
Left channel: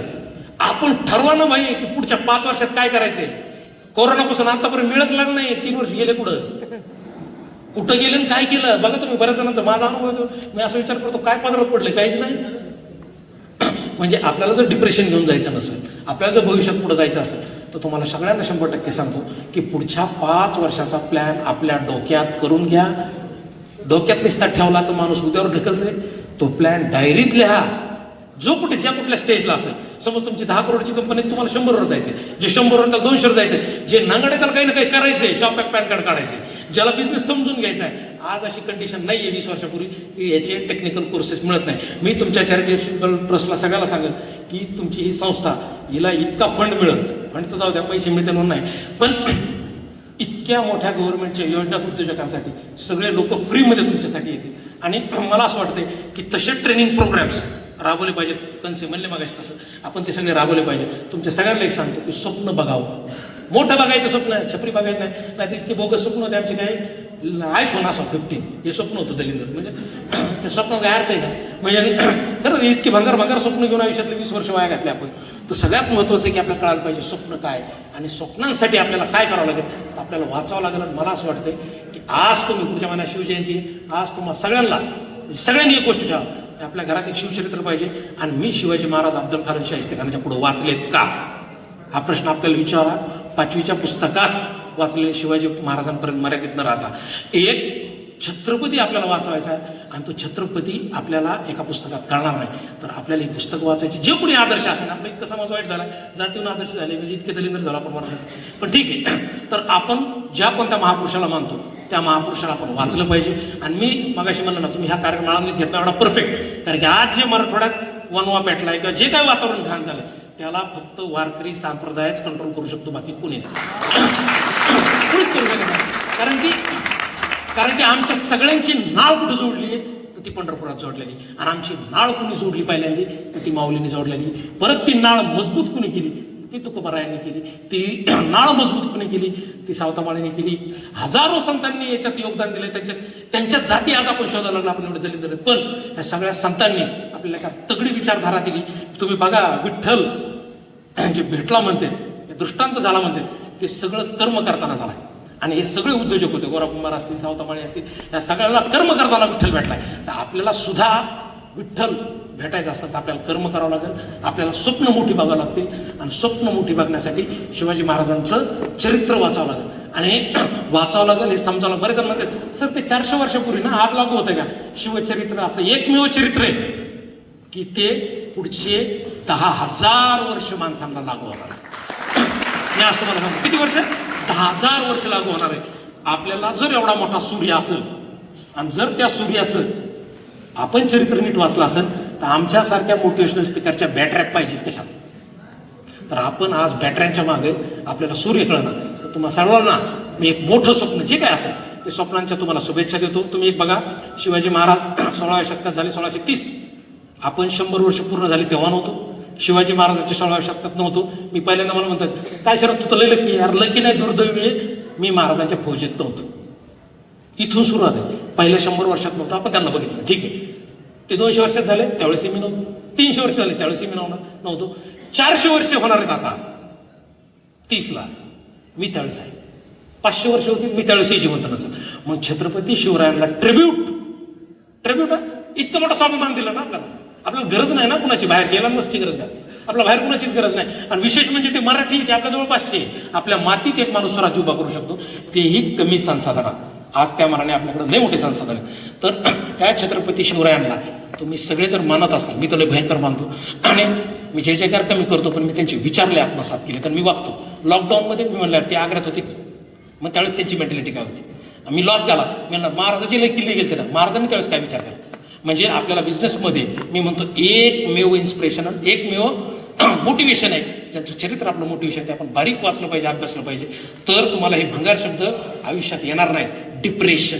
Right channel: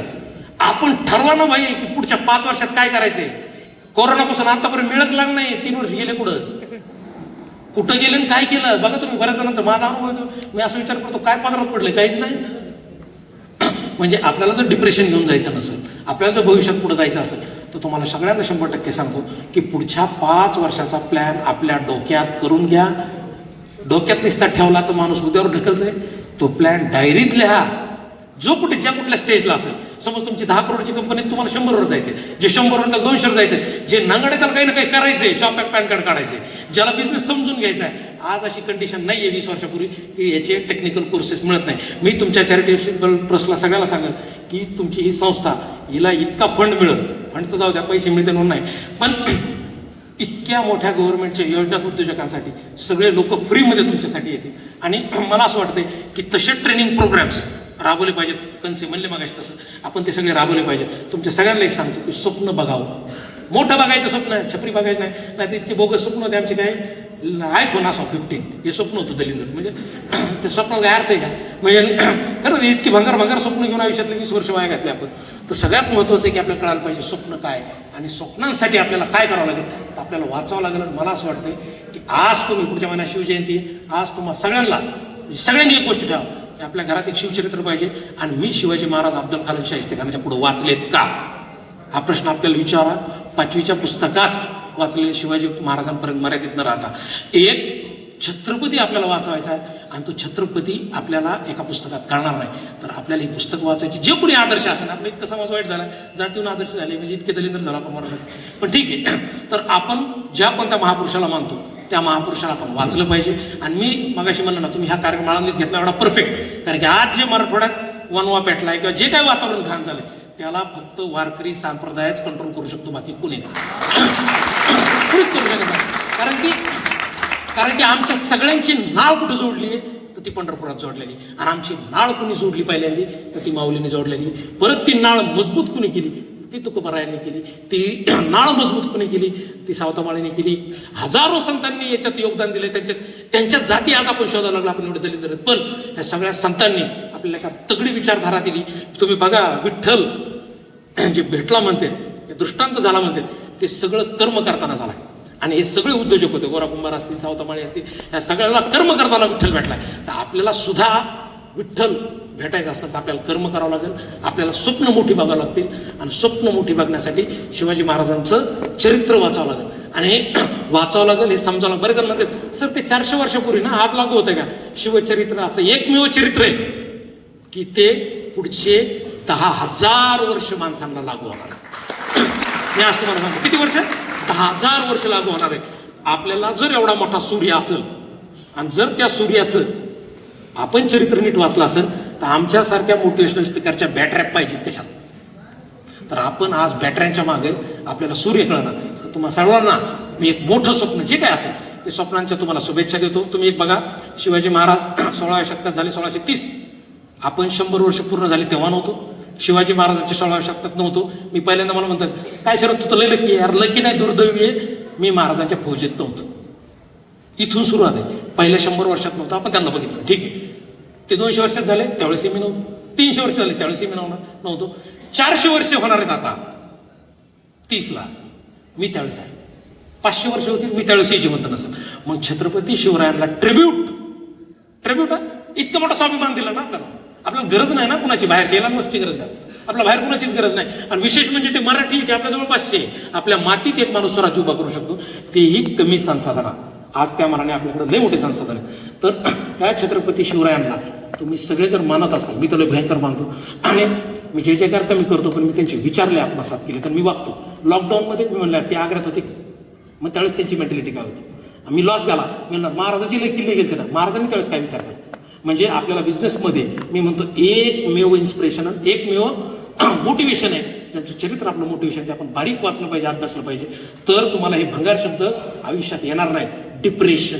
आपण ठरवा ना भाई की पुढच्या पाच वर्षात काय करायचंय? कोरोनापासून आतापर्यंत मिळत लागलं नाही? तीन वर्ष गेले कुठं कुठं गेलं आणि काय केलं? बघा तुम्ही बऱ्याच जणांचा माझा अनुभव येतो. मी असं विचार करतो काय पदरात पडले? काहीच नाही. म्हणजे आपल्याला जर डिप्रेशन घेऊन जायचं नसेल आपल्याला जर भविष्यात पुढे जायचं असेल तर तुम्हाला सगळ्यांना शंभर टक्के सांगतो की पुढच्या पाच वर्षाचा प्लॅन आपल्या डोक्यात करून घ्या. डोक्यात निस्तात ठेवला तर माणूस उद्यावर ढकलतोय. तो प्लॅन डायरीत लिहा जो कुठे ज्या कुठल्या स्टेजला असेल समज तुमची दहा करोडची कंपनी तुम्हाला शंभरवर जायचे जे शंभरवर त्याला दोनशेवर जायचे जे नांगडे त्याला काही ना काही करायचे शॉप पॅन कार्ड काढायचे ज्याला बिझनेस समजून घ्यायचा आहे. आज अशी कंडिशन नाही आहे वीस वर्षापूर्वी की याचे टेक्निकल कोर्सेस मिळत नाही. मी तुमच्या चॅरिटेबल ट्रस्टला सगळ्याला सांगेन की तुमची ही संस्था हिला इतका फंड मिळत फंडचं जाऊ द्या पैसे मिळते म्हणून नाही. पण इतक्या मोठ्या गव्हर्नमेंटच्या योजनात उद्योजकांसाठी सगळे लोक फ्रीमध्ये तुमच्यासाठी येतील. आणि मला असं वाटते की तसे ट्रेनिंग प्रोग्राम्स राबवले पाहिजेत कन्से म्हणले मागायचे तसं. आपण ते सगळे राबवले पाहिजेत तुमच्या सगळ्यांना एक सांगतो की स्वप्न बघावं. मोठं बघायचं स्वप्न छपरी बघायचं नाही. नाही ते बोगस स्वप्न होते आमचे काय? आयफोन असा फिफ्टीन हे स्वप्न होतं दलिंदर. म्हणजे ते स्वप्न काय अर्थ आहे का? म्हणजे खरं इतकी भंगार भंगार स्वप्न घेऊन आयुष्यातले वीस वर्ष वाया घातले आपण. तर सगळ्यात महत्त्वाचं आहे की आपल्याला कळायला पाहिजे स्वप्न काय आणि स्वप्नांसाठी आपल्याला काय करावं लागेल? तर आपल्याला वाचावं लागेल. आणि मला असं वाटतं की आज तुम्ही पुढच्या महिन्यात शिवजयंती आज तुम्हाला सगळ्यांना सगळ्यांनी एक गोष्ट ठेवा. की आपल्या घरात एक शिवचरित्र पाहिजे. आणि मी शिवाजी महाराज अब्दुल खान शाहिस्ते खानाच्या पुढे वाचलेत का? हा प्रश्न आपल्याला विचारा. पाचवीच्या पुस्तकात वाचलेले शिवाजी महाराजांपर्यंत मर्यादित न राहता. एक छत्रपती आपल्याला वाचवायचा आहे आणि तो छत्रपती आपल्याला एका पुस्तकात कळणार नाही. तर आपल्याला ही पुस्तक वाचायची जे कोणी आदर्श असेल आपला इतका समाज वाईट झाला जातीहून आदर्श झाले म्हणजे इतके दलिंदर झाला आपण म्हणत पण ठीक आहे. तर आपण ज्या कोणत्या महापुरुषाला मानतो त्या महापुरुषाला आपण वाचलं पाहिजे. आणि मी मगाशी म्हणलं ना तुम्ही ह्या कार्यक्रम आळंदीत घेतला एवढा परफेक्ट कारण की आज जे मराठवाड्यात वनवा पेटलाय किंवा जे काही वातावरण घाण झालं त्याला फक्त वारकरी संप्रदायच कंट्रोल करू शकतो बाकी कोणी नाही. करू शकत. नाही कारण की कारण की आमच्या सगळ्यांची नाळ कुठं जोडली आहे? तर ती पंढरपुरात जोडलेली. आणि आमची नाळ कुणी जोडली पहिल्यांदी? तर ती माऊलीने जोडलेली. परत ती नाळ मजबूत कुणी केली? ती तुकोबारायांनी केली. ती नाळ मजबूत कुणी केली? ती सावतामाळीने केली. हजारो संतांनी याच्यात योगदान दिलं. त्यांच्यात त्यांच्या जाती आज आपण शोधायला लागलो आपण एवढं दिले पण ह्या सगळ्या संतांनी आपल्याला एका तगडी विचारधारा दिली. तुम्ही बघा विठ्ठल जे भेटला म्हणते हे दृष्टांत झाला म्हणते ते सगळं कर्म करताना झाला. आणि हे सगळे उद्योजक होते. गोरा कुंभार असतील सावतामाळे असतील या सगळ्यांना कर्म करताना विठ्ठल भेटला. तर आपल्याला सुद्धा विठ्ठल भेटायचं असतं. तर आपल्याला कर्म करावं लागेल. आपल्याला स्वप्न मोठी बघावं लागतील. आणि स्वप्न मोठी बघण्यासाठी शिवाजी महाराजांचं चरित्र वाचावं लागेल. आणि वाचावं लागेल हे समजावं लागेल. बरेच जण म्हणतात सर ते चारशे वर्षापूर्वी ना आज लागू होतं का? शिवचरित्र असं एकमेव चरित्र आहे की ते पुढचे दहा हजार वर्ष माणसांना लागू होणार मी आज तुम्हाला सांगतो. किती वर्ष? हजार वर्ष लागू होणार आहे. आपल्याला जर एवढा मोठा सूर्य असेल आणि जर त्या सूर्याचं आपण चरित्र नीट वाचलं असेल तर आमच्यासारख्या मोटिवेशनल स्पीकरच्या बॅटऱ्या पाहिजेत कशात? तर आपण आज बॅटऱ्यांच्या मागे आपल्याला सूर्य कळणार तर तुम्हा सर्वांना मी एक मोठं स्वप्न जे काय असेल ते स्वप्नांच्या तुम्हाला शुभेच्छा देतो. तुम्ही एक बघा शिवाजी महाराज सोळाव्या शतकात झाले सोळाशे तीस. आपण शंभर वर्ष पूर्ण झाले तेव्हा नव्हतो. शिवाजी महाराजांच्या सोळाव्या शतकात नव्हतो. मी पहिल्यांदा मला म्हणतात काय शरद तू तर लय लकी यार. लकी नाही दुर्दैवी आहे. मी महाराजांच्या फौजेत नव्हतो. इथून सुरुवात आहे. पहिल्या शंभर वर्षात नव्हतं. आपण त्यांना बघितलं. ठीक आहे. ते दोनशे वर्षात झाले. त्यावेळेस मी नव्हतो. तीनशे वर्ष झाले. त्यावेळेस मी नव्हतं. नव्हतो. चारशे वर्ष होणार आहेत आता. तीसला. मी त्यावेळेस आहे. पाचशे वर्ष होते मी त्यावेळेसही जिवंत नसेल. मग छत्रपती शिवरायांना ट्रिब्यूट ट्रिब्यूट इतकं मोठं स्वाभिमान दिलं ना आपल्याला. आपल्याला गरज नाही ना कुणाची. बाहेर यायला नसती गरज नाही. आपल्या बाहेर कुणाचीच गरज नाही. आणि विशेष म्हणजे ते मराठी ते आपल्या जवळपासचे आहे. आपल्या मातीत एक माणूस स्वराज्य उभा करू शकतो. तेही कमी संसाधन आज त्या मानाने आपल्याकडे लय मोठे संसाधन तर त्या छत्रपती शिवरायांना तुम्ही सगळे जर मानत असाल मी त्याला भयंकर मानतो. आणि मी जय जयकार कमी करतो पण मी त्यांचे विचारले आत्मसात केले कारण मी वागतो. लॉकडाऊनमध्ये मी म्हणलं ते आग्र्यात होते. मग त्यावेळेस त्यांची मेंटॅलिटी काय होती? मी लॉस झाला. मी म्हणणार महाराजाची लय किल्ले गेले तर महाराजांनी त्यावेळेस काय विचारलं? म्हणजे आपल्याला बिझनेसमध्ये मी म्हणतो एकमेव इन्स्पिरेशन एकमेव मोटिवेशन आहे. ज्यांचं चरित्र आपलं मोटिवेशन ते आपण बारीक वाचलं पाहिजे अभ्यासलं पाहिजे. तर तुम्हाला हे भंगार शब्द आयुष्यात येणार नाहीत. डिप्रेशन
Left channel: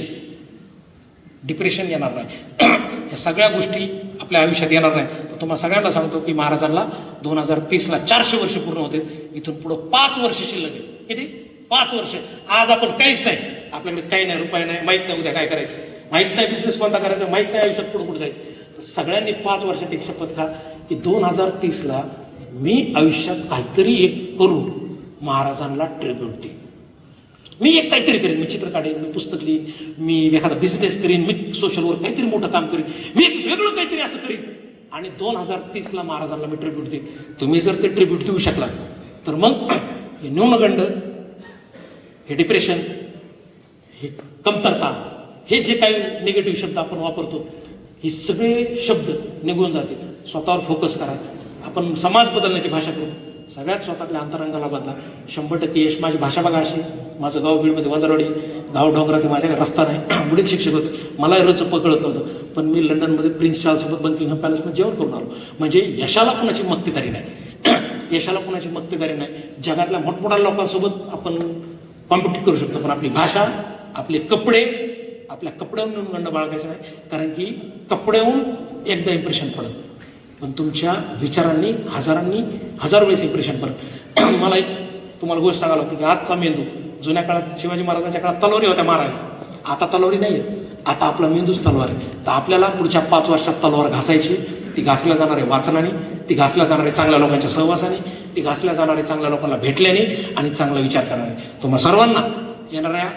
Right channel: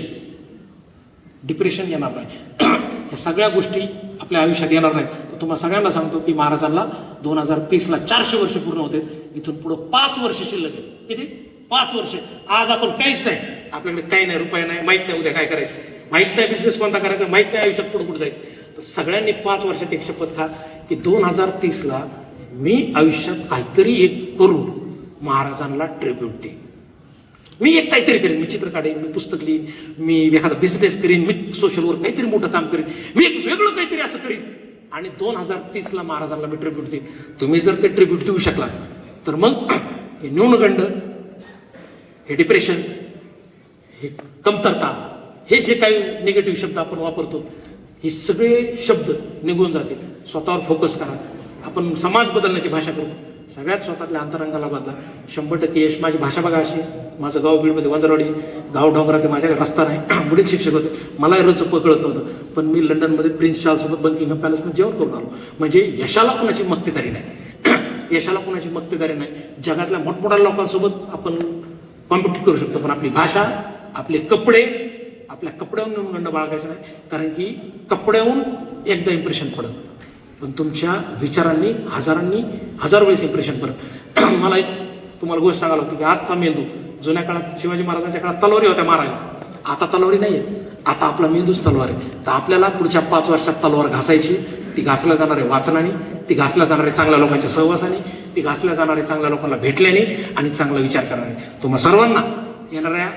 डिप्रेशन येणार नाही. ह्या सगळ्या गोष्टी आपल्या आयुष्यात येणार नाहीत. तर तुम्हाला सगळ्यांना सांगतो की महाराजांना दोन हजार तीसला चारशे वर्ष पूर्ण होते. इथून पुढं पाच वर्ष शिल्लक आहे किती? पाच वर्ष. आज आपण काहीच नाही. आपल्याकडे काही नाही रुपये नाही माहीत नाही उद्या काय करायचं. माहीत नाही बिझनेस कोणता करायचा माहीत नाही आयुष्यात पुढे कुठं जायचं. तर सगळ्यांनी पाच वर्षात एक शपथ खा की दोन हजार तीसला मी आयुष्यात काहीतरी एक करून महाराजांना ट्रिब्यूट देईन. मी एक काहीतरी करेन. मी चित्र काढेन मी पुस्तक लिहीन मी एखादा बिझनेस करीन मी सोशल वर्क काहीतरी मोठं काम करीन. मी एक वेगळं काहीतरी असं करीन. आणि दोन हजार तीसला महाराजांना मी ट्रिब्यूट देईन. तुम्ही जर ते ट्रिब्यूट देऊ शकलात तर मग हे न्यूनगंड हे डिप्रेशन हे कमतरता हे जे काही निगेटिव्ह शब्द आपण वापरतो हे सगळे शब्द निघून जातील. स्वतःवर फोकस करा. आपण समाज बदलण्याची भाषा करू. सगळ्यात स्वतःतल्या अंतरंगाला बदला शंभर टक्के यश माझी भाषा बघा अशी. माझं गाव बीडमध्ये वंजरवाडी. गाव डोंगरात ते माझ्याकडे रस्ता नाही. बुडीत शिक्षक होते. मला रच पकडत नव्हतं. पण मी लंडनमध्ये प्रिन्स चार्ल्ससोबत बंकिंग पॅलेसमध्ये जेवण करून आलो. म्हणजे यशाला कुणाची मक्तेदारी नाही. यशाला कुणाची मक्तेदारी नाही. जगातल्या मोठमोठ्या लोकांसोबत आपण कॉम्पिटिट करू शकतो. पण आपली भाषा आपले कपडे आपल्या कपड्याहून गंड बाळगायचा नाही. कारण की कपड्याहून एकदा इम्प्रेशन पडत पण तुमच्या विचारांनी हजारांनी हजार वेळेस इम्प्रेशन पडत मला एक तुम्हाला गोष्ट सांगायला होती की आजचा मेंदू जुन्या काळात शिवाजी महाराजांच्या काळात तलवारी होत्या मारायला. आता तलवारी नाही आहेत आता आपला मेंदूच तलवार आहे. तर आपल्याला पुढच्या पाच वर्षात तलवार घासायची. ती घासल्या जाणारे वाचनाने ती घासल्या जाणारे चांगल्या लोकांच्या सहवासाने ती घासल्या जाणारे चांगल्या लोकांना भेटल्याने आणि चांगला विचार करणारे. तुम्हा सर्वांना येणाऱ्या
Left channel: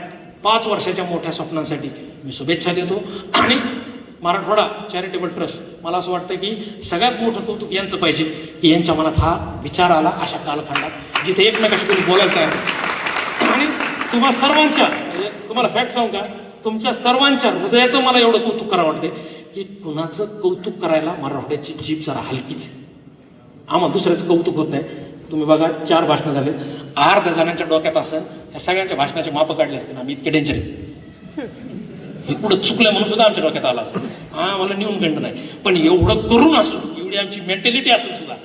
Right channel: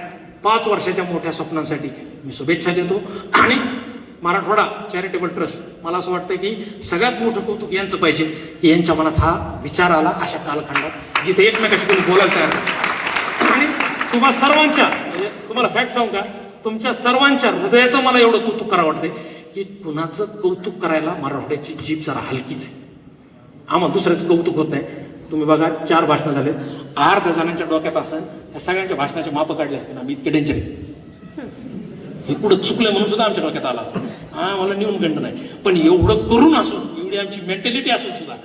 पाच वर्षाच्या मोठ्या स्वप्नांसाठी मी शुभेच्छा देतो. आणि मराठवाडा चॅरिटेबल ट्रस्ट मला असं वाटतं की सगळ्यात मोठं कौतुक यांचं पाहिजे की यांच्या मनात हा विचार आला अशा कालखंडात जिथे एकमेकाशी कोणी बोलायला तयार आणि तुम्हा सर्वांच्या म्हणजे तुम्हाला फॅक्ट सांगू का? तुमच्या सर्वांच्या हृदयाचं मला एवढं कौतुक करावं वाटते की कुणाचं कौतुक करायला मराठवाड्याची जीभ जरा हलकीच आहे. आम्हाला दुसऱ्याचं कौतुक होत नाही. तुम्ही बघा चार भाषणं झाले आठ जणांच्या डोक्यात असं या सगळ्यांच्या भाषणाचे मापं काढले असते आम्ही इतके डेंजर हे कुठं चुकलं म्हणून सुद्धा आमच्या डोक्यात आला असं हा मला नेऊन गंड नाही. पण एवढं करून असून एवढी आमची मेंटॅलिटी असून सुद्धा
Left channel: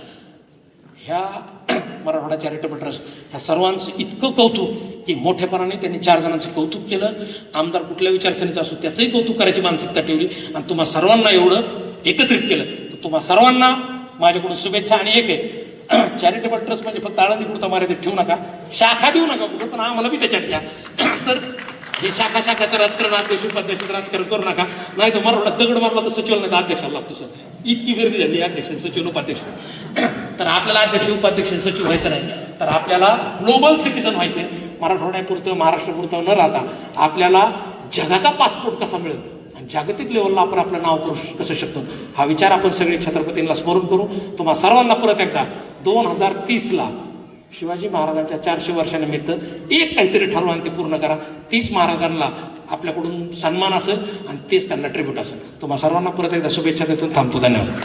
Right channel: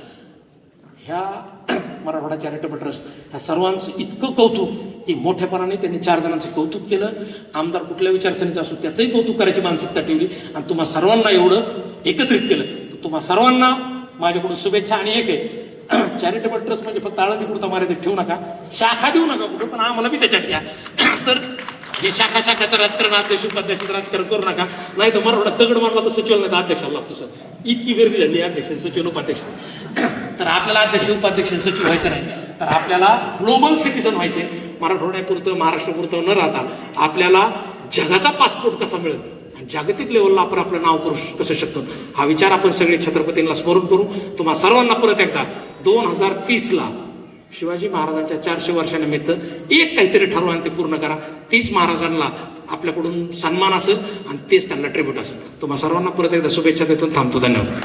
ह्या मराठवाडा चॅरिटेबल ट्रस्ट ह्या सर्वांचं इतकं कौतुक की मोठेपणाने त्यांनी चार जणांचं कौतुक केलं. आमदार कुठल्या विचारसरणीचं असो त्याचंही कौतुक करायची मानसिकता ठेवली. आणि तुम्हा सर्वांना एवढं एकत्रित केलं. तुम्हा सर्वांना माझ्याकडून शुभेच्छा आणि एक आहे चॅरिटेबल ट्रस्ट म्हणजे फक्त आळंदी पुरता मर्यादित ठेवू नका. शाखा देऊ नका कुठं पण आम्हाला बी त्याच्यात घ्या तर हे शाखा शाखाचं राजकारण अध्यक्ष उपाध्यक्षाचं राजकारण करू नका. नाही तर मराठा तगड मारला तर सचिव नका अध्यक्षाला लागतो सर. इतकी गर्दी झाली अध्यक्ष सचिव उपाध्यक्ष. तर आपल्याला अध्यक्ष उपाध्यक्ष सचिव व्हायचं नाही. तर आपल्याला ग्लोबल सिटीजन व्हायचंय. मराठवाड्यापुरतं महाराष्ट्रापुरतं न राहता आपल्याला जगाचा पासपोर्ट कसा मिळेल? जागतिक लेवलला आपण आपलं नाव करू श- कसं शकतो? हा विचार आपण सगळे छत्रपतींना स्मरण करू. तुम्हा सर्वांना परत एकदा दोन हजार तीसला शिवाजी महाराजांच्या चारशे वर्षानिमित्त एक काहीतरी ठरवा आणि ते पूर्ण करा. तीच महाराजांना आपल्याकडून सन्मान असेल आणि तेच त्यांना ट्रिब्यूट असेल. तुम्हा सर्वांना परत एकदा शुभेच्छा देतो. थांबतो. धन्यवाद.